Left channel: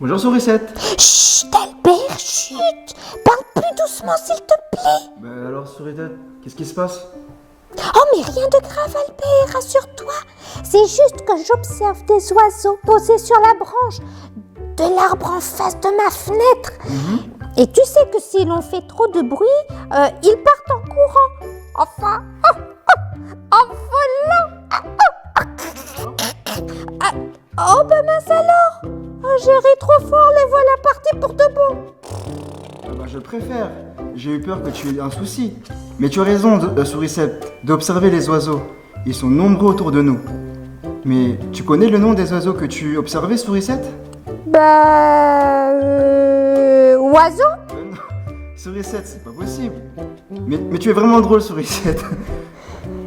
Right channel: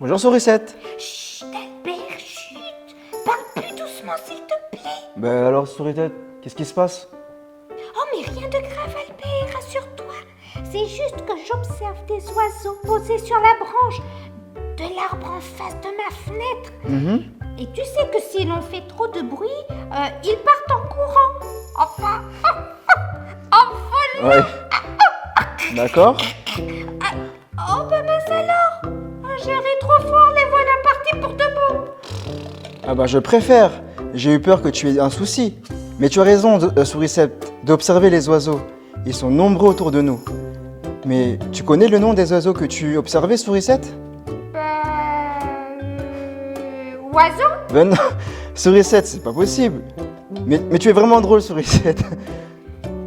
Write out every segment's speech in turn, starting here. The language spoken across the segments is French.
Bonjour Sourisette. Chut, Albert, chut. Parle plus doucement, s'il te plaît. Ben alors Sourisette, qu'est-ce qui se passe? Oh, mais rien de grave, Albert, rassure-toi. C'est juste que j'observe des oiseaux posés sur la branche de l'arbre en face de ma fenêtre. Et tu sais que si l'on fait trop de bruit, ils partent en courant. Enfin, en volant. Ouais. D'accord. Oh, ben mince alors. J'ai ri trop fort, les voilà partis pour de bon. Ah bah je préfère. J'ai eu peur que tu aies un souci. Mais tu as raison, Sourisette, d'observer les oiseaux. Ils sont nombreux autour de nous. Mais tu connais le nom des oiseaux que tu observais, Sourisette? Oiseau? Ben non, Sourisette, c'est pas possible. Mais tu es vraiment drôle, Sourisette.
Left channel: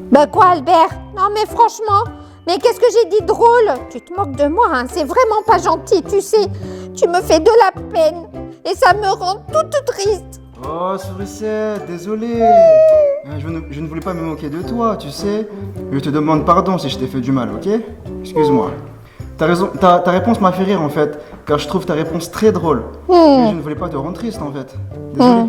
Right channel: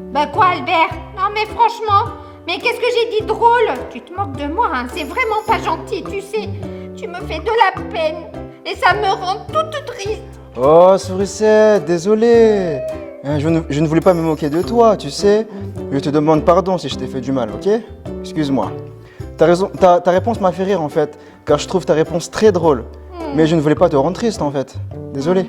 Bah quoi, Albert? Non mais franchement, mais qu'est-ce que j'ai dit de drôle? Tu te moques de moi, hein? C'est vraiment pas gentil, tu sais. Tu me fais de la peine et ça me rend toute triste. Oh, Sourisette, désolé. Je ne voulais pas me moquer de toi, tu sais. Je te demande pardon si je t'ai fait du mal, ok? Excuse-moi. T'as raison, ta réponse m'a fait rire en fait, car je trouve ta réponse très drôle. Mais je ne voulais pas te rendre triste en fait. Désolé.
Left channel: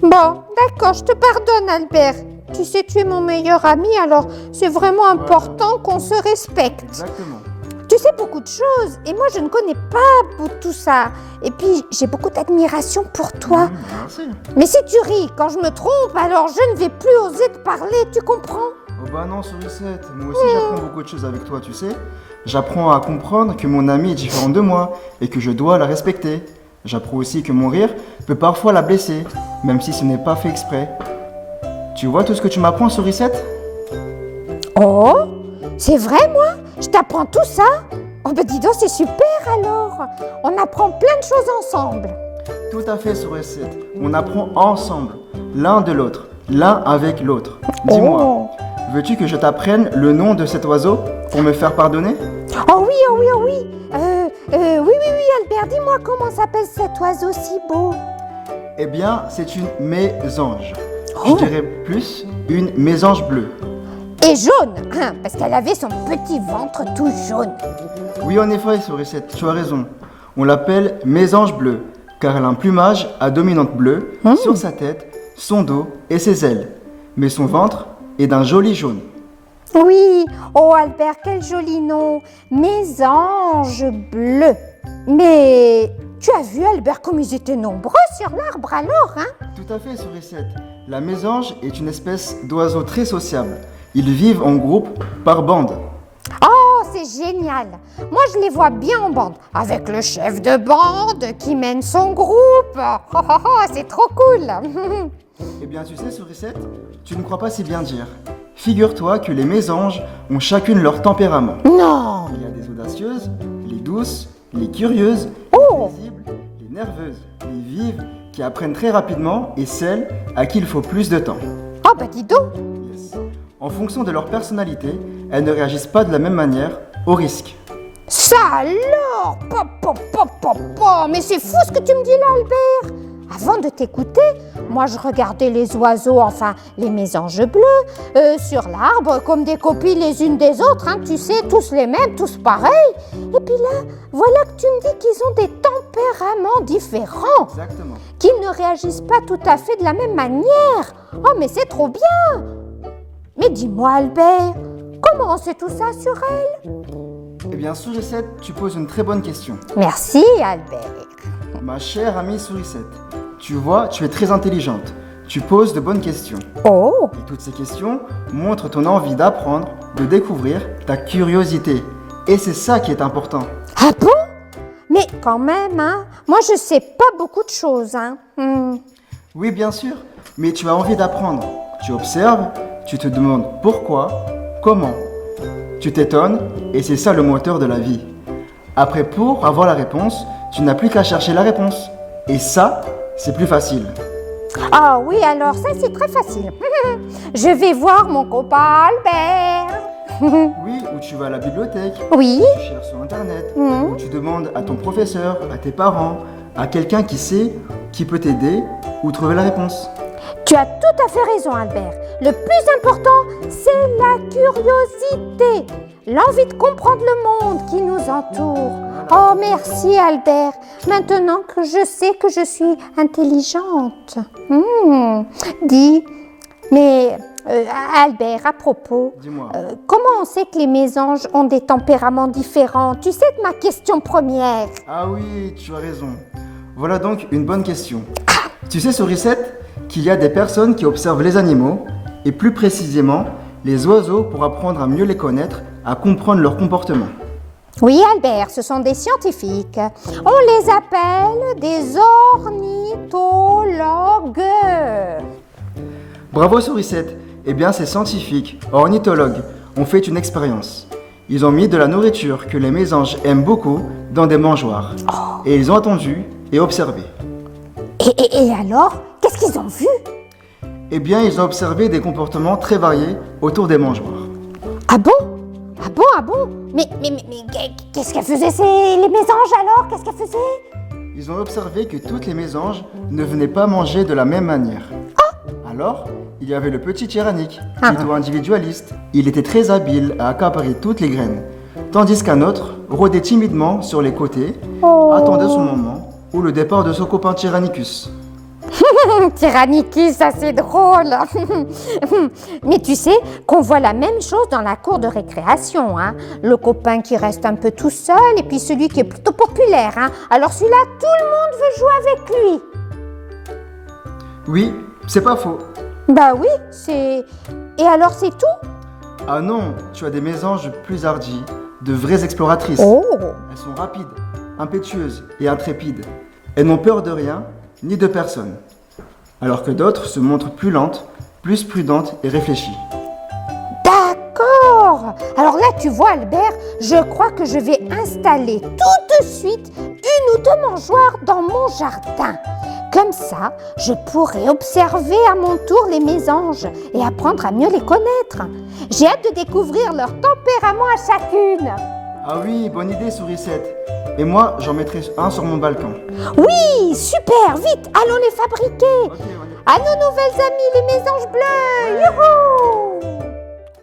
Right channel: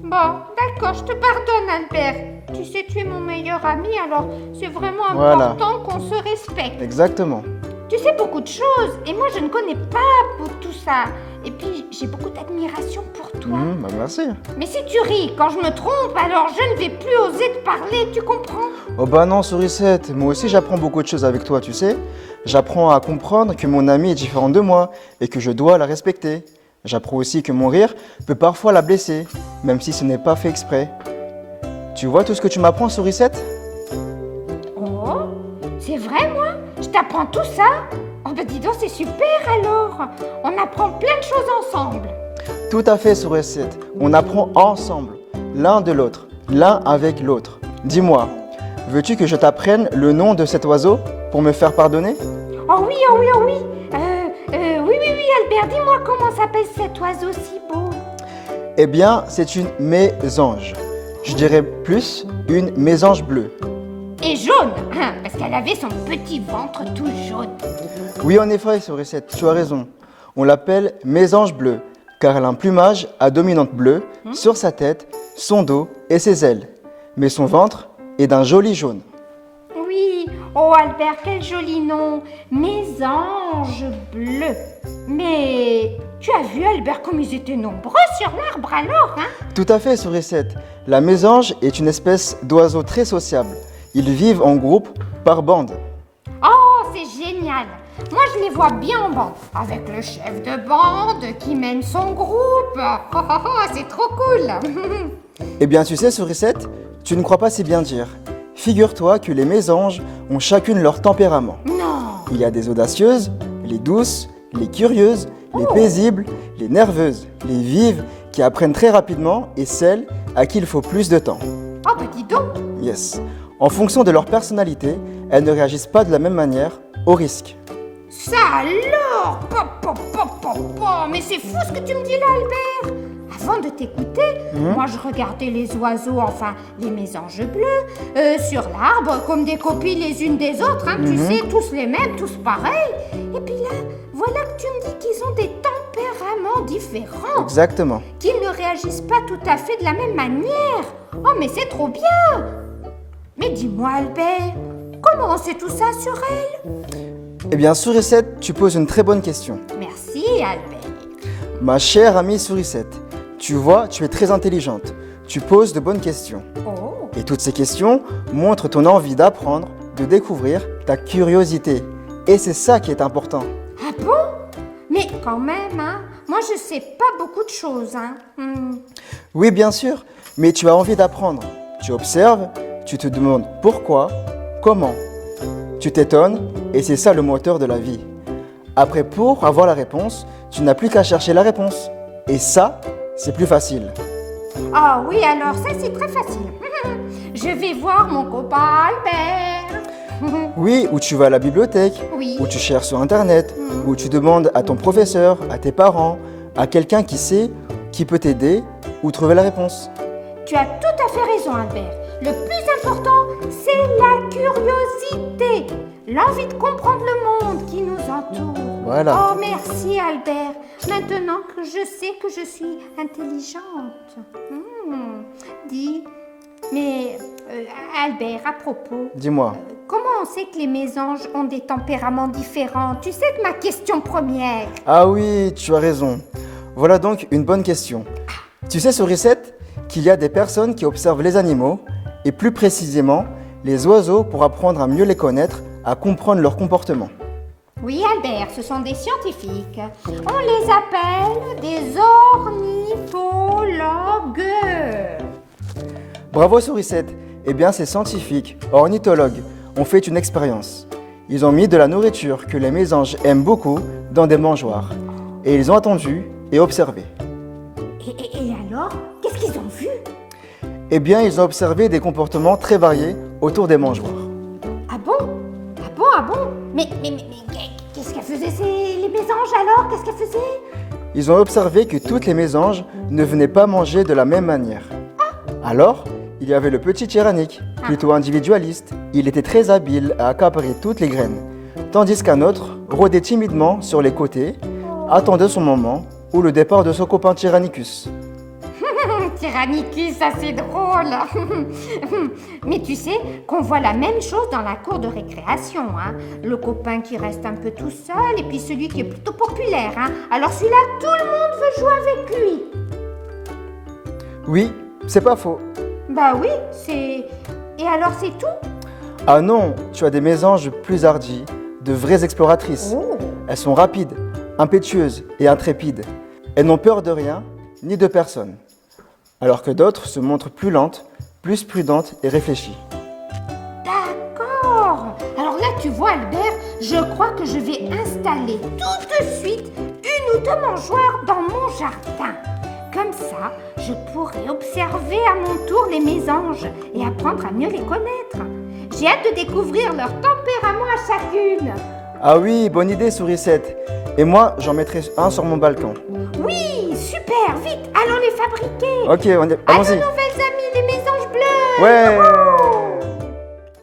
Bon, d'accord, je te pardonne, Albert. Tu sais, tu es mon meilleur ami, alors c'est vraiment important qu'on se respecte. Exactement. Tu sais beaucoup de choses, et moi je ne connais pas tout ça. Et puis j'ai beaucoup d'admiration pour toi. Bah merci. Mais si tu ris quand je me trompe, alors je ne vais plus oser te parler, tu comprends? Oh bah non, Sourisette, moi aussi j'apprends beaucoup de choses avec toi, tu sais. J'apprends à comprendre que mon amie est différente de moi et que je dois la respecter. J'apprends aussi que mon rire peut parfois la blesser, même si ce n'est pas fait exprès. Tu vois tout ce que tu m'apprends, Sourisette? Oh, c'est vrai, moi? Je t'apprends tout ça? Oh, ben dis donc, c'est super alors! On apprend plein de choses ensemble. Tout à fait, Sourisette. On apprend ensemble, l'un de l'autre, l'un avec l'autre. Dis-moi, veux-tu que je t'apprenne le nom de cet oiseau pour me faire pardonner? Oh oui, oh oui, oh oui! Oui, Albert, dis-moi comment s'appelle cet oiseau si beau? Eh bien, c'est une mésange. Je dirais plus une mésange bleue. Et jaune, parce qu'elle avait son petit ventre tout jaune. Oui, en effet, Sourisette, tu as raison. On l'appelle mésange bleue, car elle a un plumage à dominante bleue sur sa tête, son dos et ses ailes. Mais son ventre est d'un joli jaune. Oui, oh Albert, quel joli nom! Mésange bleu. Mais tu as vu, Albert, comme ils étaient nombreux sur l'arbre alors, hein? Tout à fait, Sourisette. La mésange est une espèce d'oiseau très sociable. Ils vivent en groupe, par bande. Oh, c'est génial! Moi, je les vois bien en bande, avec le chef de bande qui mène son groupe. C'est trop cool! Eh bien, tu sais, Sourisette, tu ne crois pas si bien dire. Figure-toi que les mésanges ont chacune leur tempérament. Non! Il y a des audacieuses, les douces, les curieuses, les paisibles, les nerveuses, les vives, qui apprennent très rapidement, et celles à qui il faut plus de temps. Oh, bah dis donc! Yes. En fonction de leur personnalité, elles ne réagissent pas de la même manière au risque. Ça alors! Mais c'est fou ce que tu me dis là, Albert! Avant de t'écouter, moi je regardais les oiseaux, enfin les mésanges bleus, sur l'arbre, comme des copies les unes des autres, hein, tu sais, tous les mêmes, tous pareils. Et puis là, voilà que tu me dis qu'ils ont des tempéraments différents, Exactement. qu'ils ne réagissent pas tout à fait de la même manière. Oh, mais c'est trop bien! Mais dis-moi, Albert, comment on sait tout ça sur elle? Eh bien, Sourisette, tu poses une très bonne question. Merci, Albert. Ma chère amie Sourisette, tu vois, tu es très intelligente. Tu poses de bonnes questions. Oh! Et toutes ces questions montrent ton envie d'apprendre, de découvrir, ta curiosité. Et c'est ça qui est important. Ah bon? Mais quand même, hein, moi je sais pas beaucoup de choses, hein. Oui, bien sûr, mais tu as envie d'apprendre. Tu observes, tu te demandes pourquoi, comment. Tu t'étonnes, et c'est ça le moteur de la vie. Après, pour avoir la réponse, tu n'as plus qu'à chercher la réponse. Et ça, c'est plus facile. Ah oui, alors ça c'est très facile. Je vais voir mon copain Albert. Oui, ou tu vas à la bibliothèque, Oui, tu cherches sur Internet, ou tu demandes à ton professeur, à tes parents, à quelqu'un qui sait, qui peut t'aider ou trouver la réponse. Tu as tout à fait raison, Albert. Le plus important, c'est la curiosité, l'envie de comprendre le monde qui nous entoure. Voilà. Oh, merci, Albert. Maintenant que je sais que je suis intelligente. Dis, mais Albert, à propos, Dis-moi. comment on sait que les mésanges ont des tempéraments différents? Tu sais que ma question première. Ah oui, tu as raison. Voilà donc une bonne question. Tu sais, Sourisette, qu'il y a des personnes qui observent les animaux, et plus précisément les oiseaux pour apprendre à mieux les connaître, à comprendre leur comportement. Oui, Albert, ce sont des scientifiques. On les appelle des ornithologues. Bravo Sourisette. Eh bien, ces scientifiques, ornithologues, ont fait une expérience. Ils ont mis de la nourriture que les mésanges aiment beaucoup dans des mangeoires. Et ils ont attendu et observé. Et alors, qu'est-ce qu'ils ont vu? Eh bien, ils ont observé des comportements très variés autour des mangeoires. Ah bon? Ah bon? Ah bon? Mais qu'est-ce qu'elles faisaient les mésanges alors? Qu'est-ce qu'elles faisaient? Ils ont observé que toutes les mésanges ne venaient pas manger de la même manière. Alors, il y avait le petit tyrannique, plutôt individualiste. Il était très habile à accaparer toutes les graines, tandis qu'un autre rôdait timidement sur les côtés, attendait son moment ou le départ de son copain Tyrannicus. Tyrannicus, ça c'est drôle. Mais tu sais qu'on voit la même chose dans la cour de récréation. Hein. Le copain qui reste un peu tout seul et puis celui qui est plutôt populaire. Hein. Alors celui-là, tout le monde veut jouer avec lui. Oui, c'est pas faux. Bah oui, c'est... Et alors c'est tout? Ah non, tu as des mésanges plus hardies, de vraies exploratrices. Elles sont rapides, impétueuses et intrépides. Elles n'ont peur de rien, ni de personne. Alors que d'autres se montrent plus lentes, plus prudentes et réfléchies. D'accord. Alors là, tu vois, Albert, je crois que je vais installer tout de suite une ou deux mangeoires dans mon jardin. Comme ça, je pourrai observer à mon tour les mésanges et apprendre à mieux les connaître. J'ai hâte de découvrir leur tempérament à chacune. Ah oui, bonne idée, Sourisette. Et moi, j'en mettrai un sur mon balcon. Oui, super, vite, allons les fabriquer. Ok, À nos allons-y. nouvelles amies, les mésanges bleus. Ouais.